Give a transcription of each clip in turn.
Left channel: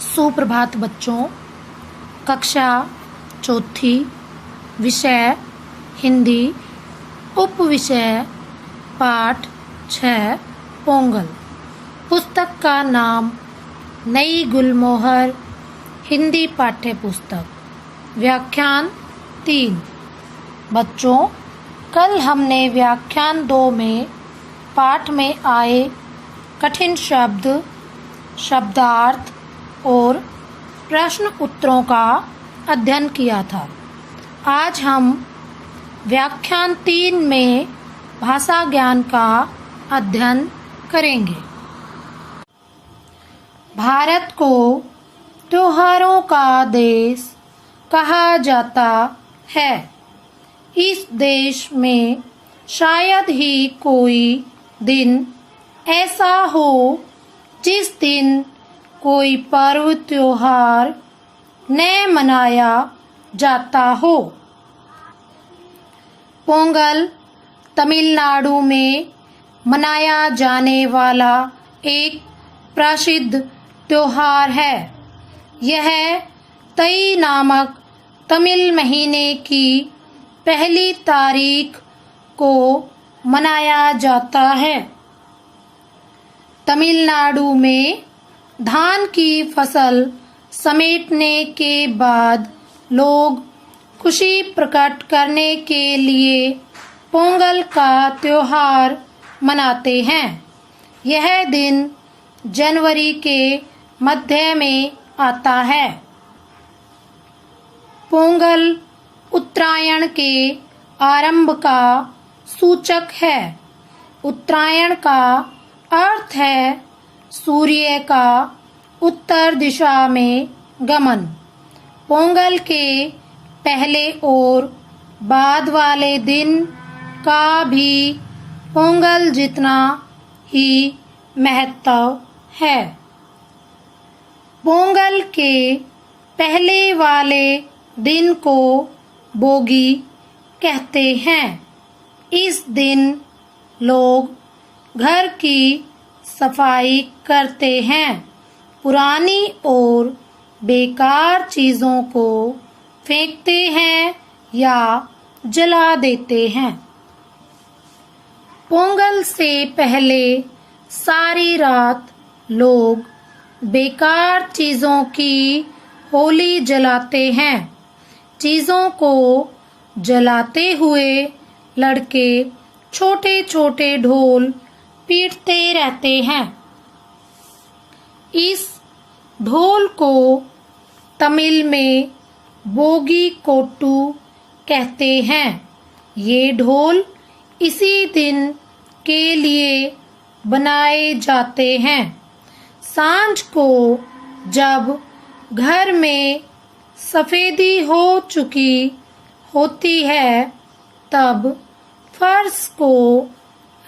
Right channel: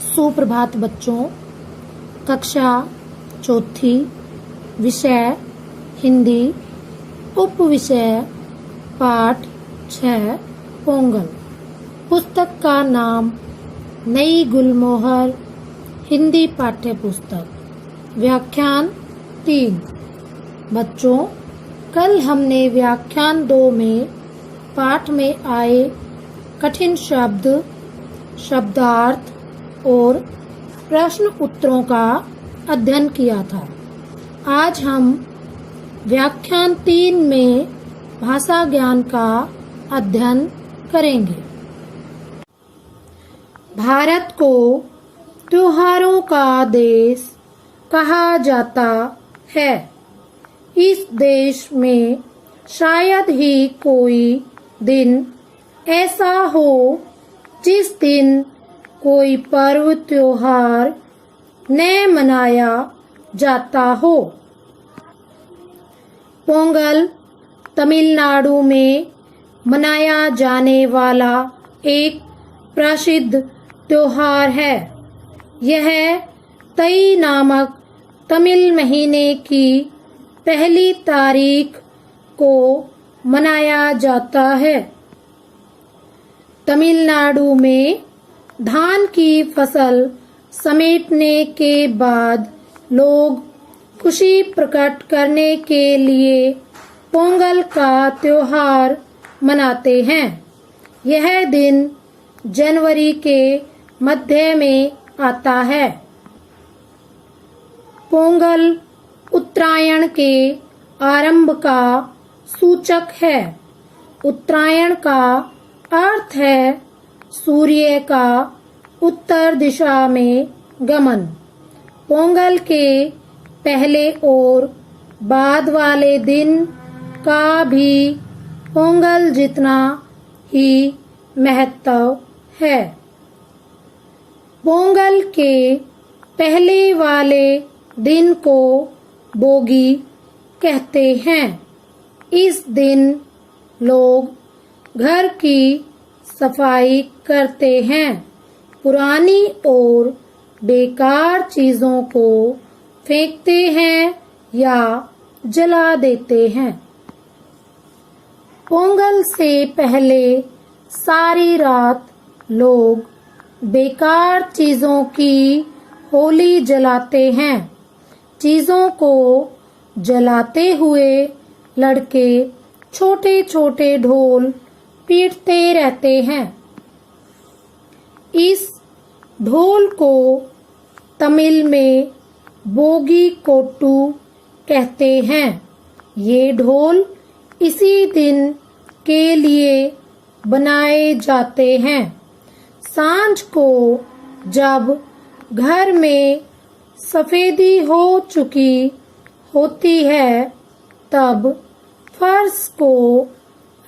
सुप्रभात बच्चों। कक्षा चौथी, विषय हिंदी, उप विषय पाठ 6 पोंगल। पुस्तक का नाम नई गुलमोहर हिंदी पाठ्य पुस्तक। व्याख्यान 3। बच्चों, कल हमने व्याख्यान 2 में पाठ में आए कठिन शब्द, शब्दार्थ और प्रश्न उत्तरों का अध्ययन किया था। आज हम व्याख्यान 3 में भाषा ज्ञान का अध्ययन करेंगे। भारत को त्योहारों का देश कहा जाता है। इस देश में शायद ही कोई दिन ऐसा हो जिस दिन कोई पर्व त्योहार न मनाया जाता हो। पोंगल तमिलनाडु में मनाया जाने वाला एक प्रसिद्ध त्योहार है। यह तई नामक तमिल महीने की पहली तारीख को मनाया जाता है। तमिलनाडु में धान की फसल समेटने के बाद लोग खुशी प्रकट करने के लिए पोंगल का त्योहार मनाते हैं। यह दिन जनवरी के मध्य में आता है। पोंगल उत्तरायण के आरंभ का सूचक है। उत्तरायण का अर्थ है सूर्य का उत्तर दिशा में गमन। पोंगल के पहले और बाद वाले दिन का भी पोंगल जितना ही महत्व है। पोंगल के पहले वाले दिन को बोगी कहते हैं। इस दिन लोग घर की सफाई करते हैं, पुरानी और बेकार चीजों को फेंकते हैं या जला देते हैं। पोंगल से पहले सारी रात लोग बेकार चीजों की होली जलाते हैं। चीजों को जलाते हुए लड़के छोटे छोटे ढोल पीटते रहते हैं। इस ढोल को तमिल में बोगी कोट्टू कहते हैं। ये ढोल इसी दिन के लिए बनाए जाते हैं। सांझ को जब घर में सफेदी हो चुकी होती है तब फर्श को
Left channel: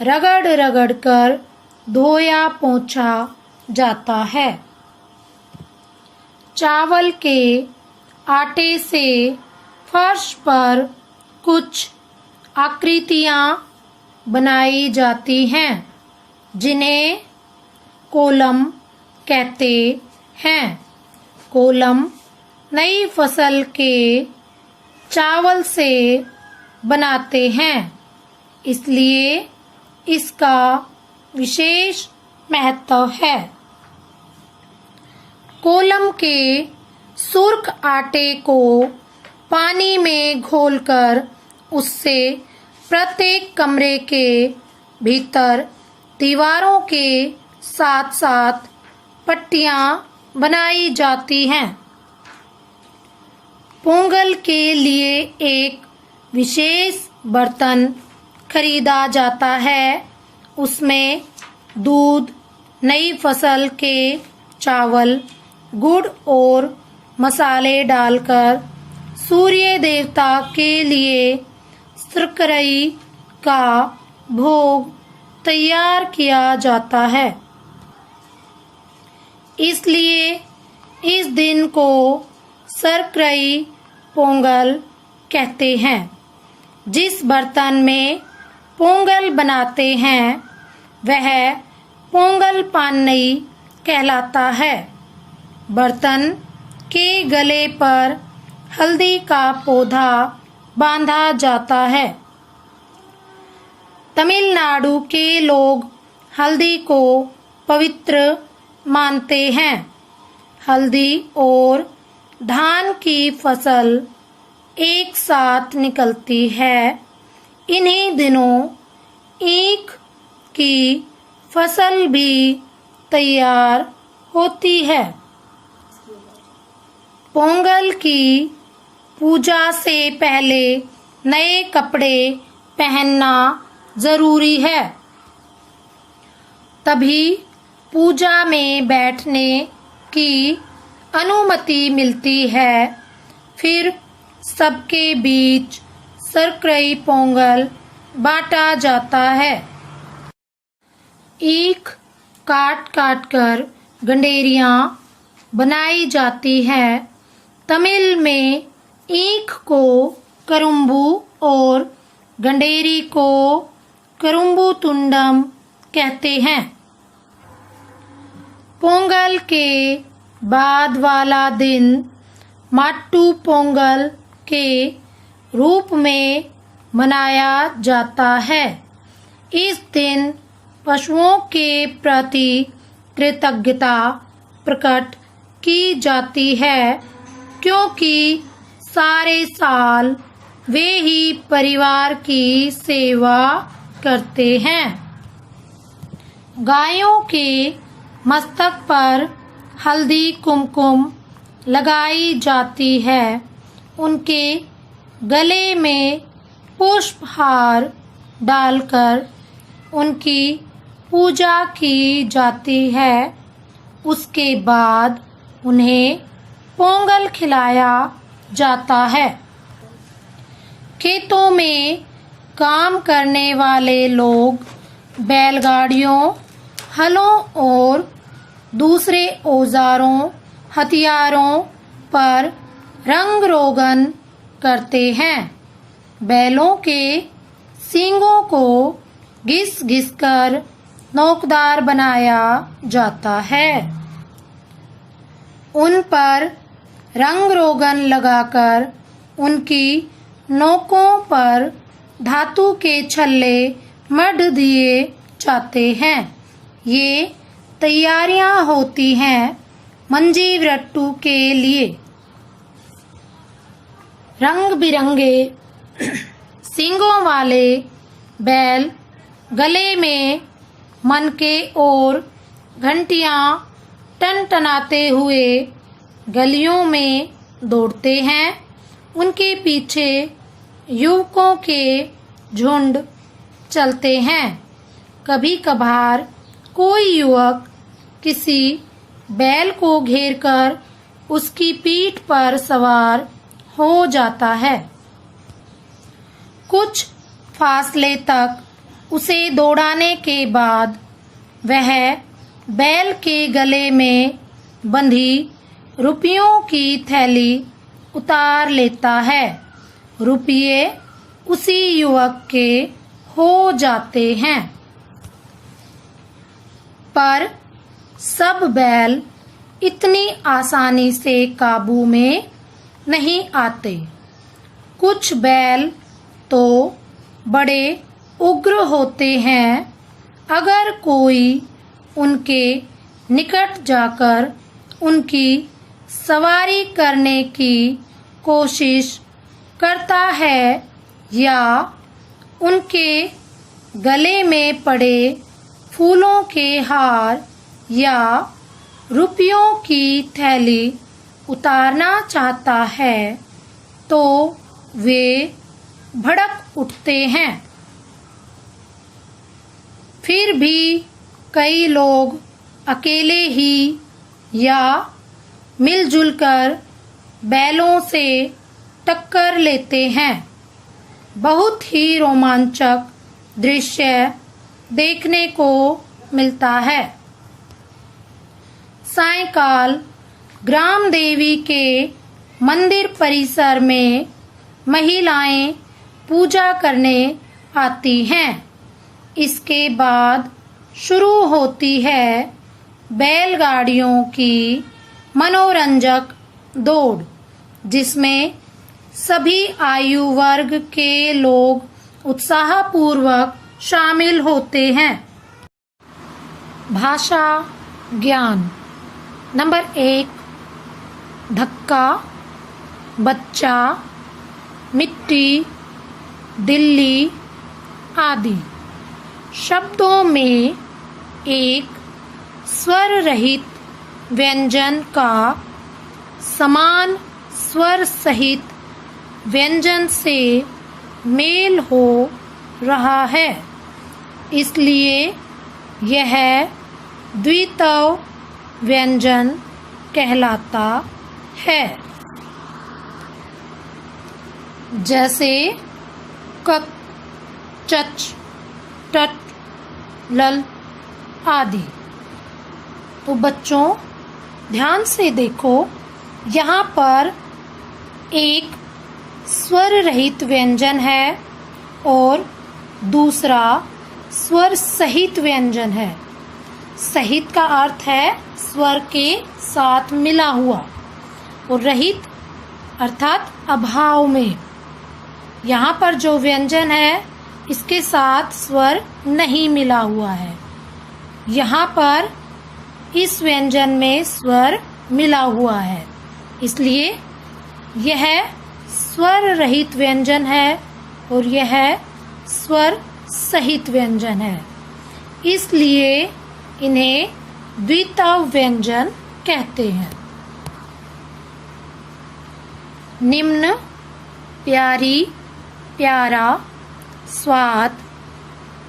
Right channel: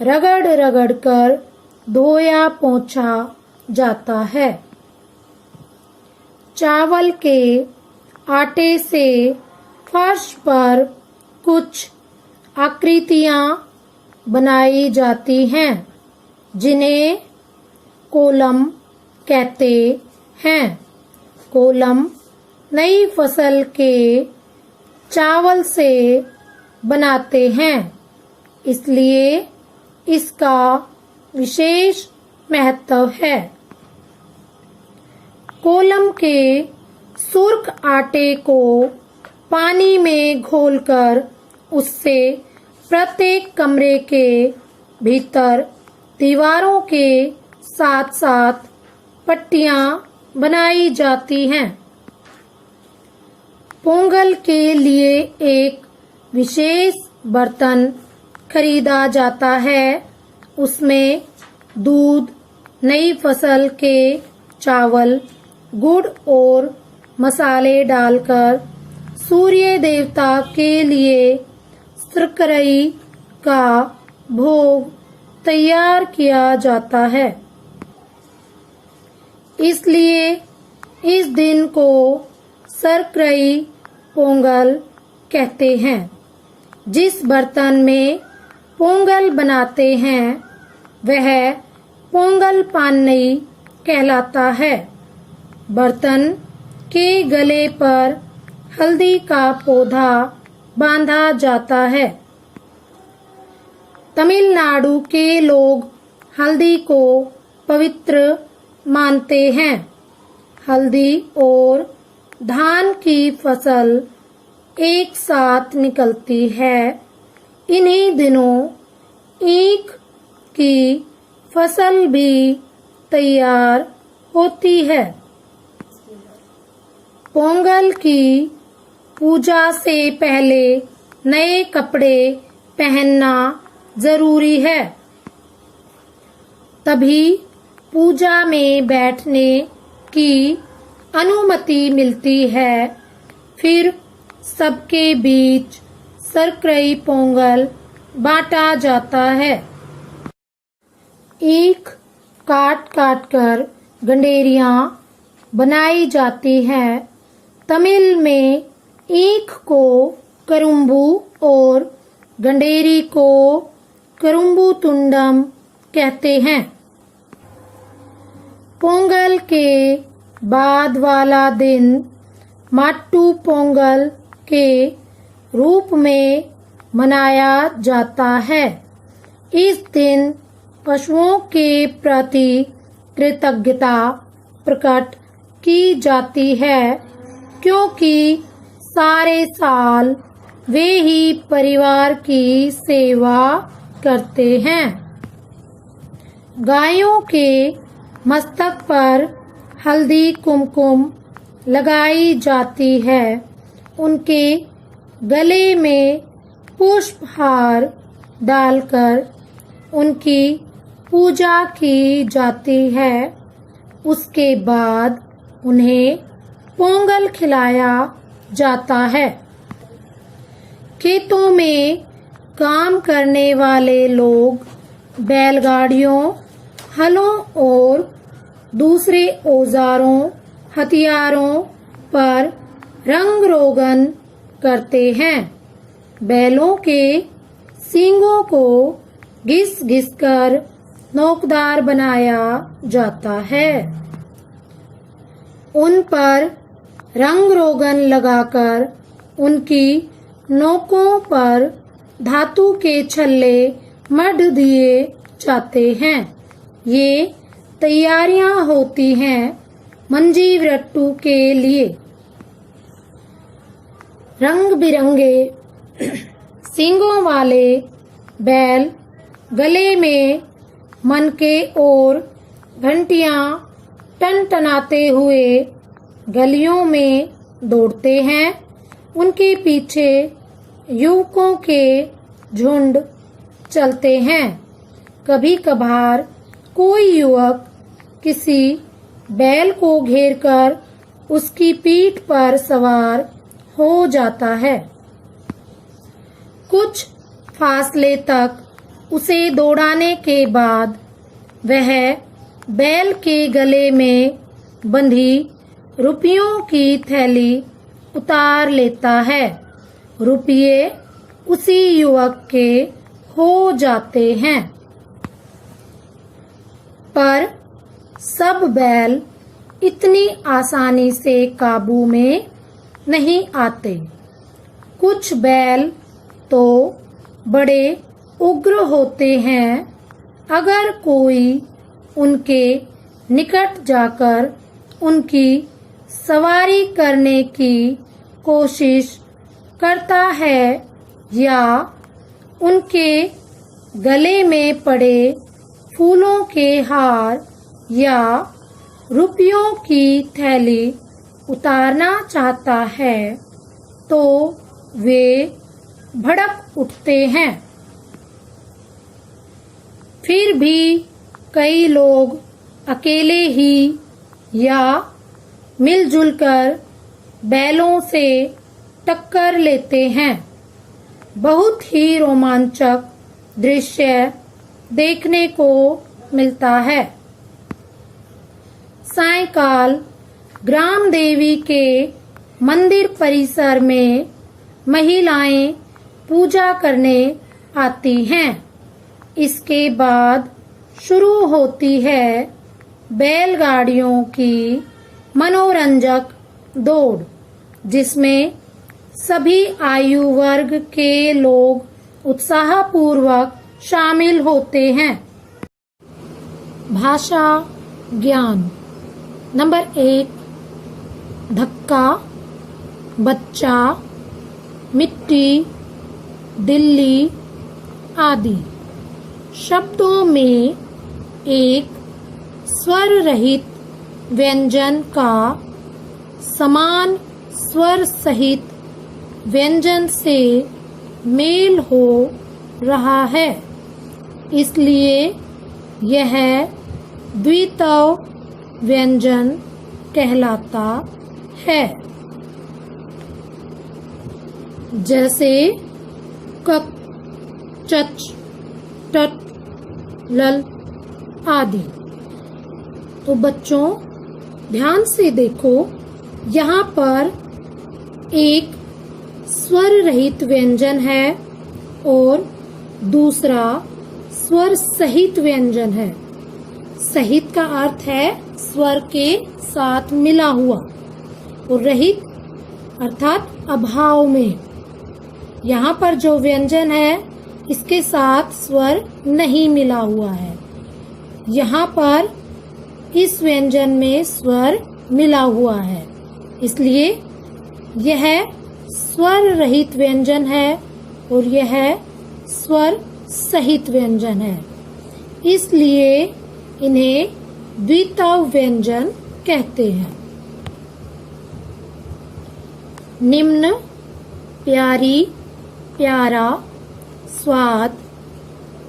रगड़ रगड़ कर धोया पोंछा जाता है। चावल के आटे से फर्श पर कुछ आकृतियां बनाई जाती हैं जिन्हें कोलम कहते हैं। कोलम नई फसल के चावल से बनाते हैं, इसलिए इसका विशेष महत्व है। कोलम के सुर्ख आटे को पानी में घोलकर उससे प्रत्येक कमरे के भीतर दीवारों के साथ साथ पट्टियां बनाई जाती हैं। पोंगल के लिए एक विशेष बर्तन खरीदा जाता है। उसमें दूध, नई फसल के चावल, गुड़ और मसाले डालकर सूर्य देवता के लिए शर्करई का भोग तैयार किया जाता है। इसलिए इस दिन को शर्करई पोंगल कहते हैं। जिस बर्तन में पोंगल बनाते हैं वह पोंगल पान्नई कहलाता है। बर्तन के गले पर हल्दी का पौधा बांधा जाता है। तमिलनाडु के लोग हल्दी को पवित्र मानते हैं। हल्दी और धान की फसल एक साथ निकलती है। इन्हीं दिनों ईख की फसल भी तैयार होती है। पोंगल की पूजा से पहले नए कपड़े पहनना जरूरी है। तभी पूजा में बैठने की अनुमति मिलती है। फिर सबके बीच सरक्रई पोंगल बांटा जाता है। ईख काट काट कर गंडेरियां बनाई जाती हैं। तमिल में ईख को करुम्बू और गंडेरी को करुम्बू तुंडम कहते हैं। पोंगल के बाद वाला दिन माट्टू पोंगल के रूप में मनाया जाता है। इस दिन पशुओं के प्रति कृतज्ञता प्रकट की जाती है, क्योंकि सारे साल वे ही परिवार की सेवा करते हैं। गायों के मस्तक पर हल्दी कुमकुम लगाई जाती है। उनके गले में पुष्पहार डालकर उनकी पूजा की जाती है। उसके बाद उन्हें पोंगल खिलाया जाता है। खेतों में काम करने वाले लोग बैलगाड़ियों, हलों और दूसरे औजारों हथियारों पर रंग रोगन करते हैं। बैलों के सींगों को घिस घिस कर नोकदार बनाया जाता है। उन पर रंग रोगन लगाकर उनकी नोकों पर धातु के छल्ले मढ़ दिए जाते हैं। ये तैयारियां होती हैं मंजीवरट्टू के लिए। रंग बिरंगे सींगों वाले बैल गले में मनके और घंटियां टनटनाते हुए गलियों में दौड़ते हैं। उनके पीछे युवकों के झुंड चलते हैं। कभी कभार कोई युवक किसी बैल को घेरकर उसकी पीठ पर सवार हो जाता है। कुछ फासले तक उसे दौड़ाने के बाद वह बैल के गले में बंधी रुपयों की थैली उतार लेता है। रुपये उसी युवक के हो जाते हैं। पर सब बैल इतनी आसानी से काबू में नहीं आते। कुछ बैल तो बड़े उग्र होते हैं। अगर कोई उनके निकट जाकर उनकी सवारी करने की कोशिश करता है या उनके गले में पड़े फूलों के हार या रुपयों की थैली उतारना चाहता है तो वे भड़क उठते हैं। फिर भी कई लोग अकेले ही या मिलजुल कर बैलों से टक्कर लेते हैं। बहुत ही रोमांचक दृश्य देखने को मिलता है। सायंकाल ग्राम देवी के मंदिर परिसर में महिलाएं पूजा करने आती हैं। इसके बाद शुरू होती है बैलगाड़ियों की मनोरंजक दौड़, जिसमें सभी आयु वर्ग के लोग उत्साहपूर्वक शामिल होते हैं। भाषा ज्ञान। नंबर 1, धक्का, बच्चा, मिट्टी, दिल्ली आदि। शब्दों में एक स्वर रहित व्यंजन का समान स्वर सहित व्यंजन से मेल हो रहा है, इसलिए यह द्वित्व व्यंजन कहलाता है। जैसे कक, चच, टट, लल आदि। तो बच्चों ध्यान से देखो, यहाँ पर एक स्वर रहित व्यंजन है और दूसरा स्वर सहित व्यंजन है। सहित का अर्थ है स्वर के साथ मिला हुआ, और रहित अर्थात अभाव में। यहाँ पर जो व्यंजन है इसके साथ स्वर नहीं मिला हुआ है। यहाँ पर इस व्यंजन में स्वर मिला हुआ है, इसलिए यह स्वर रहित व्यंजन है और यह स्वर सहित व्यंजन है, इसलिए इन्हें द्वित्व व्यंजन कहते हैं। निम्न, प्यारी, प्यारा, स्वाद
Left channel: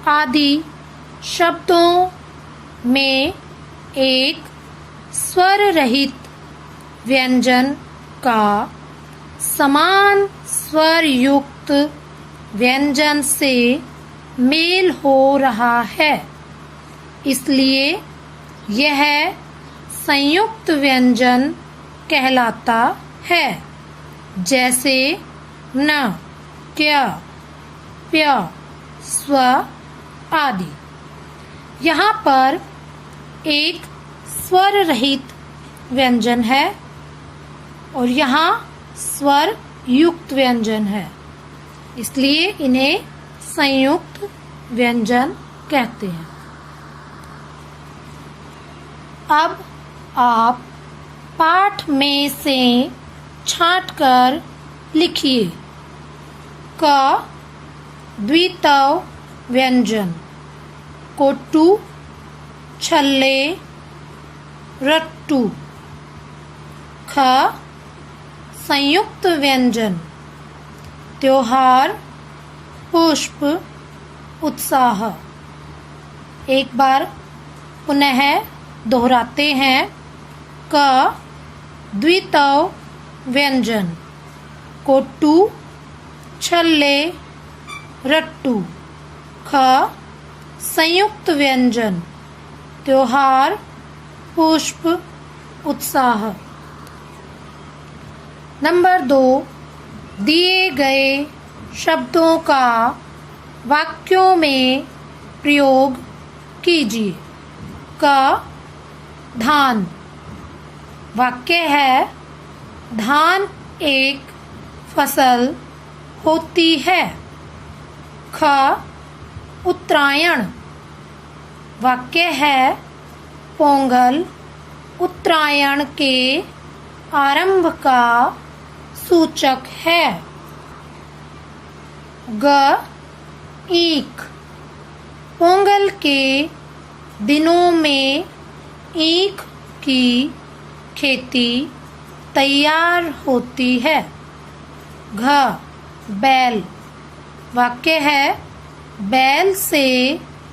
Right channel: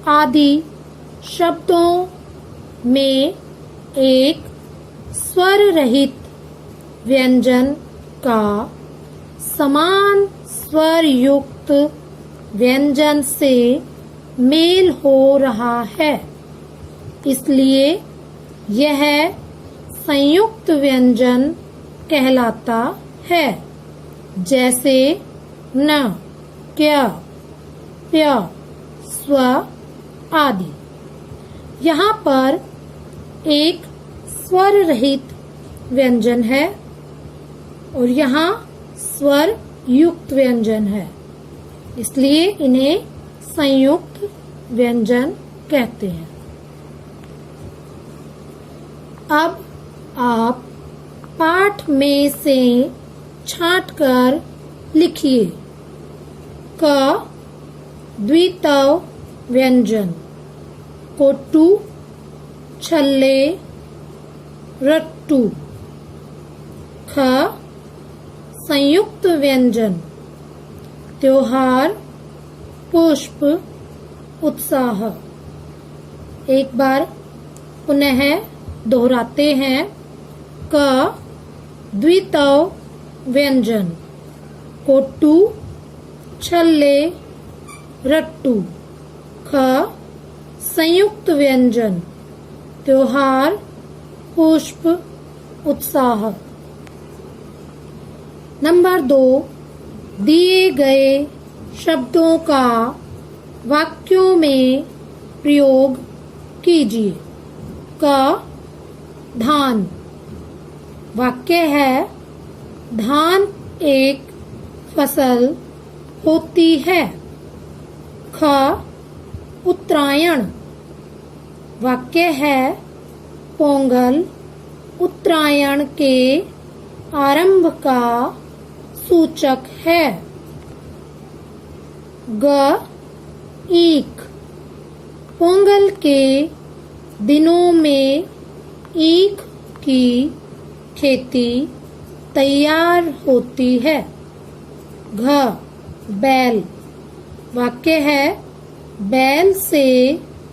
आदि शब्दों में एक स्वर रहित व्यंजन का समान स्वर युक्त व्यंजन से मेल हो रहा है, इसलिए यह संयुक्त व्यंजन कहलाता है। जैसे न, क्या, प्य, स्व आदि। यहाँ पर एक स्वर रहित व्यंजन है और यहाँ स्वर युक्त व्यंजन है, इसलिए इन्हें संयुक्त व्यंजन कहते हैं। अब आप पाठ में से छांटकर लिखिए। क, द्वित्व व्यंजन, कोट्टू, छल्ले, रट्टू। ख, संयुक्त व्यंजन, त्योहार, पुष्प, उत्साह। एक बार पुनः दोहराते हैं। क, द्वित्व व्यंजन, कोट्टू, छल्ले, रट्टू। ख, संयुक्त व्यंजन, त्योहार, पुष्प, उत्साह। नंबर 2, दिए गए शब्दों का वाक्यों में प्रयोग कीजिए। क, धान। वाक्य है, धान एक फसल होती है। ख, उत्तरायण। वाक्य है, पोंगल उत्तरायण के आरंभ का सूचक है। ग, ईख। पोंगल के दिनों में ईख की खेती तैयार होती है। घ, बैल। वाक्य है, बैल से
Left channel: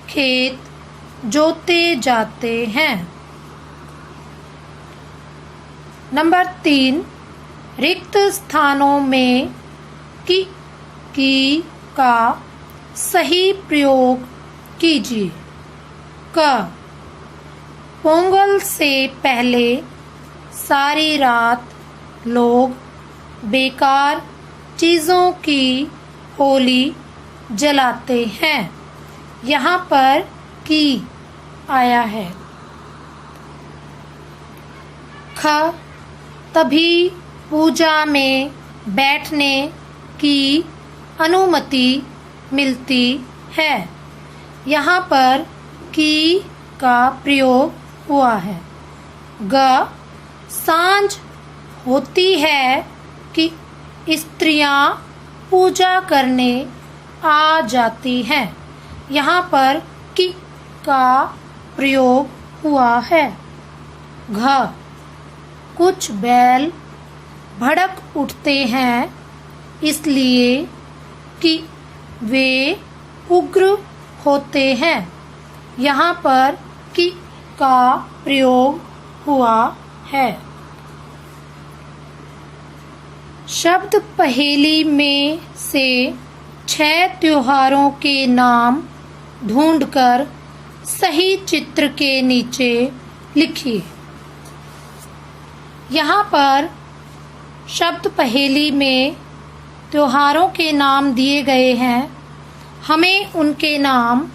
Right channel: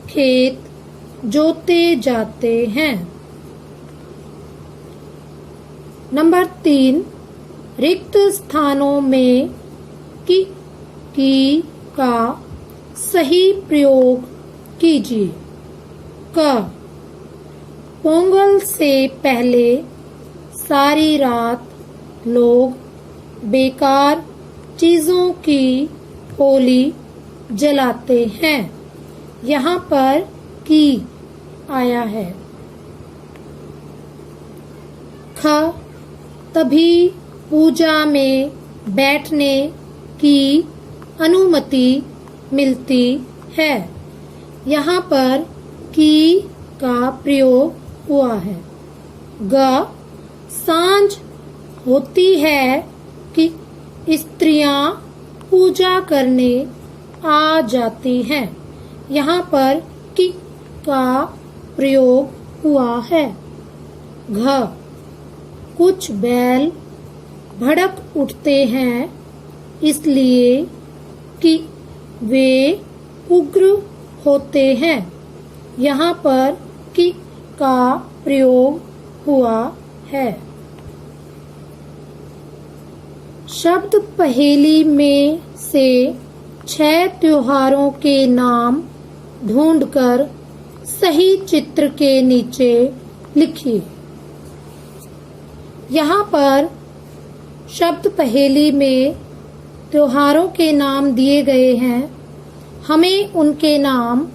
खेत जोते जाते हैं। नंबर 3, रिक्त स्थानों में की का सही प्रयोग कीजिए। क, पोंगल से पहले सारी रात लोग बेकार चीजों की होली जलाते हैं। यहाँ पर की आया है। ख तभी पूजा में बैठने की अनुमति मिलती है। यहाँ पर की का प्रयोग हुआ है। ग सांझ होती है कि स्त्रियां पूजा करने आ जाती हैं। यहाँ पर कि का प्रयोग हुआ है। घ कुछ बैल भड़क उठते हैं इसलिए कि वे उग्र होते हैं। यहाँ पर कि का प्रयोग हुआ है। शब्द पहेली में से 6 त्योहारों के नाम ढूंढकर सही चित्र के नीचे लिखिए। यहाँ पर शब्द पहेली में त्योहारों के नाम दिए गए हैं। हमें उनके नाम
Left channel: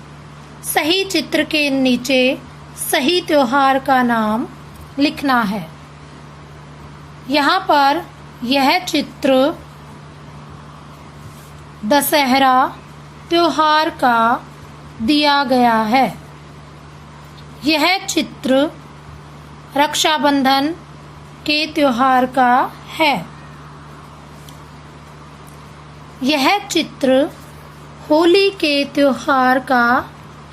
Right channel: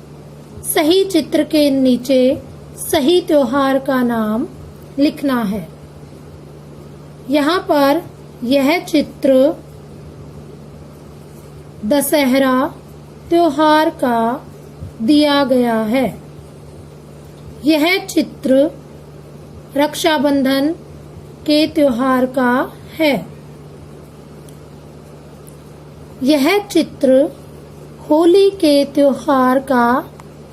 सही चित्र के नीचे सही त्योहार का नाम लिखना है। यहाँ पर यह चित्र दशहरा त्योहार का दिया गया है। यह चित्र रक्षाबंधन के त्योहार का है। यह चित्र होली के त्योहार का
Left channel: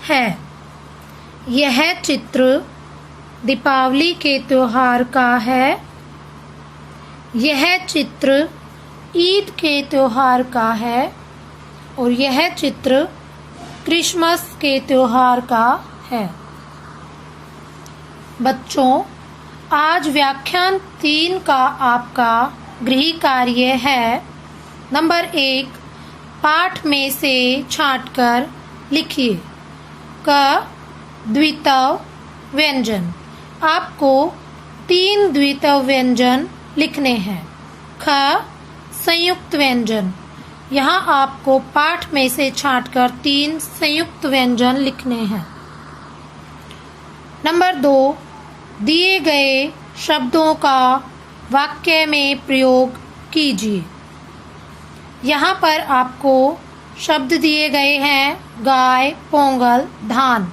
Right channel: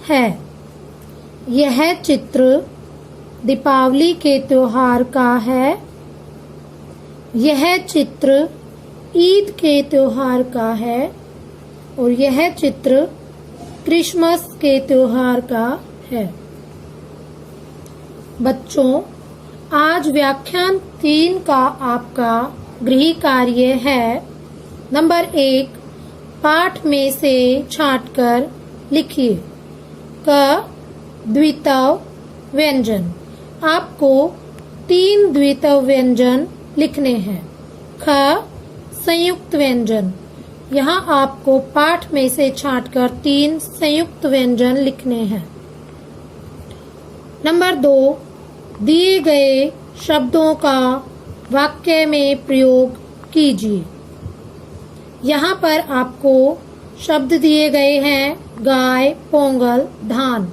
है। यह चित्र दीपावली के त्योहार का है। यह चित्र ईद के त्योहार का है और यह चित्र क्रिसमस के त्योहार का है। बच्चों, आज व्याख्यान 3 का आपका गृह कार्य है। नंबर 1, पाठ में से छांटकर लिखिए। क द्वित्व व्यंजन। आपको 3 द्वित्व व्यंजन लिखने हैं। ख संयुक्त व्यंजन। यहाँ आपको पाठ में से छांटकर 3 संयुक्त व्यंजन लिखने हैं। नंबर 2, दिए गए शब्दों का वाक्य में प्रयोग कीजिए। यहाँ पर आपको शब्द दिए गए हैं गाय, पोंगल, धान।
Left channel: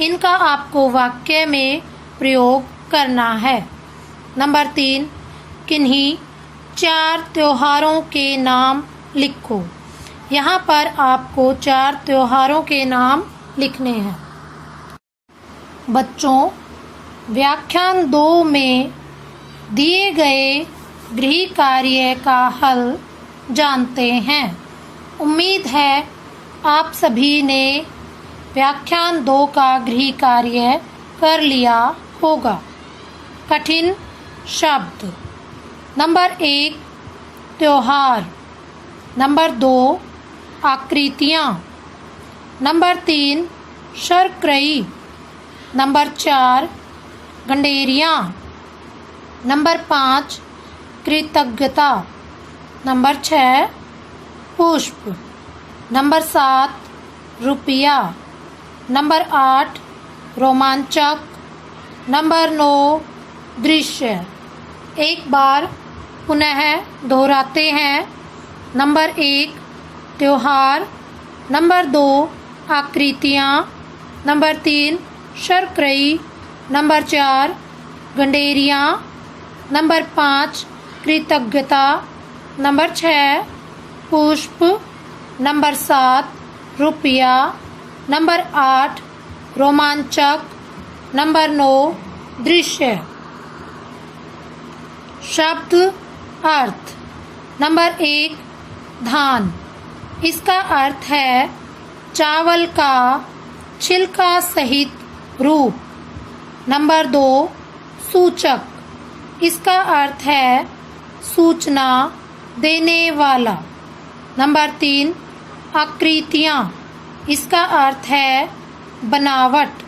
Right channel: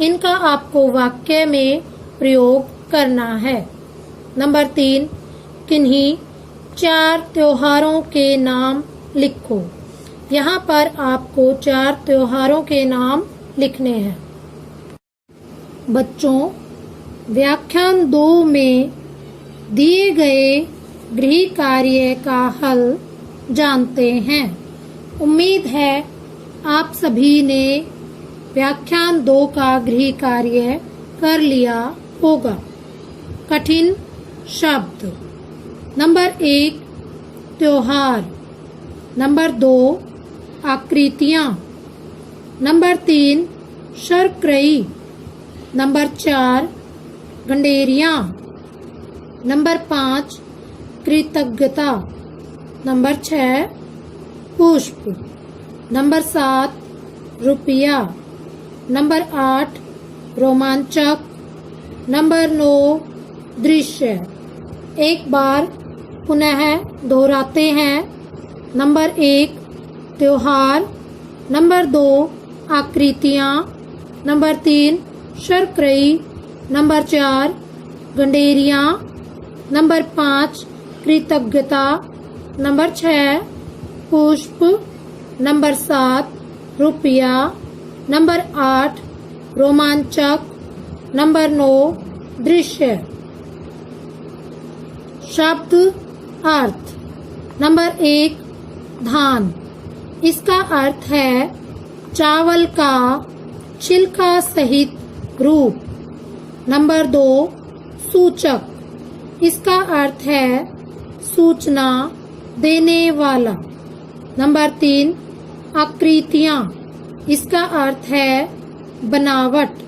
इनका आपको वाक्य में प्रयोग करना है। नंबर 3, किन्हीं 4 त्योहारों के नाम लिखो। यहाँ पर आपको 4 त्योहारों के नाम लिखने हैं। बच्चों, व्याख्यान 2 में दिए गए गृह कार्य का हल जानते हैं। उम्मीद है आप सभी ने व्याख्यान 2 का गृह कार्य कर लिया होगा। कठिन शब्द। नंबर 1, त्योहार। नंबर 2, आकृतियाँ। नंबर 3, शर्करई। नंबर 4, गंडेरियाँ। नंबर 5, कृतज्ञता। नंबर 6, पुष्प। नंबर 7, रुपया। नंबर 8, रोमांचक। नंबर 9, दृश्य। एक बार पुनः दोहराते हैं। नंबर 1, त्योहार। नंबर 2, आकृतियाँ। नंबर 3, शर्करई। नंबर 4, गंडेरियाँ। नंबर 5, कृतज्ञता। नंबर 6, पुष्प। नंबर 7, रुपया। नंबर 8, रोमांचक। नंबर 9, दृश्य। शब्द अर्थ। नंबर 1, धान। इसका अर्थ है चावल का छिलका सहित रूप। नंबर 2, सूचक। इसका अर्थ है सूचना देने वाला। नंबर 3, आकृतियाँ। इसका अर्थ है बनावट।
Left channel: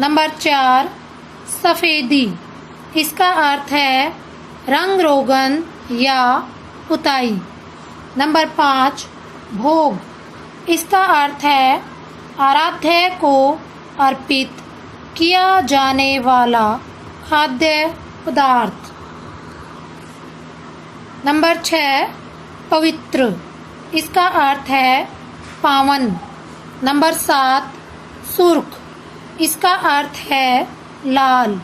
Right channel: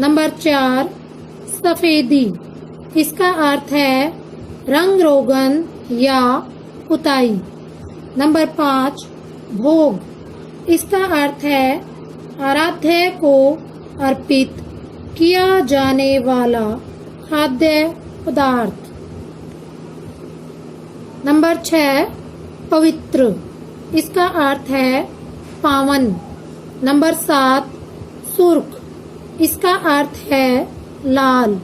नंबर 4, सफेदी। इसका अर्थ है रंग रोगन या पुताई। नंबर 5, भोग। इसका अर्थ है आराध्य को अर्पित किया जाने वाला खाद्य पदार्थ। नंबर 6 पवित्र, इसका अर्थ है पावन। नंबर 7 सुर्ख, इसका अर्थ है लाल।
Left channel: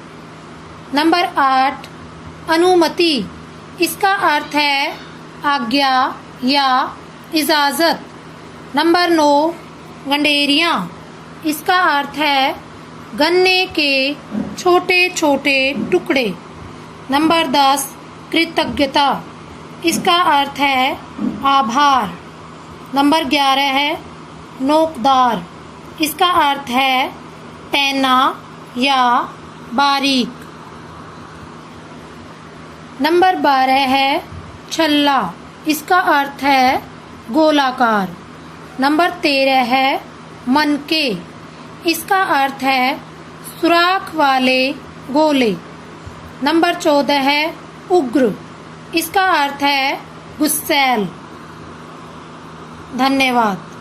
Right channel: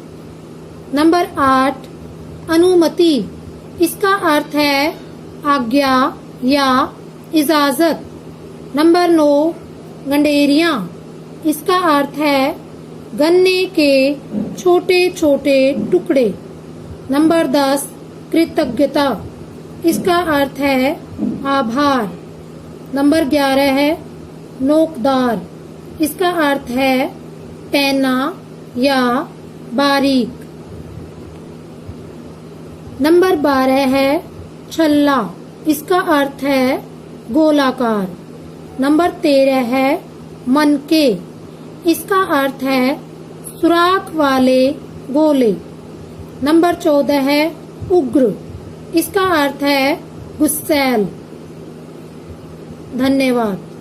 नंबर 8 अनुमति, इसका अर्थ है आज्ञा या इजाजत। नंबर 9 गंडेरियां, इसका अर्थ है गन्ने के छोटे छोटे टुकड़े। नंबर 10 कृतज्ञता, इसका अर्थ है आभार। नंबर 11 है नोकदार, इसका अर्थ है पैना या बारीक। नंबर 12 है छल्ला, इसका अर्थ है गोलाकार। नंबर 13 है मनके, इसका अर्थ है सुराख वाले गोले। नंबर 14 है उग्र, इसका अर्थ है गुस्सैल। धन्यवाद।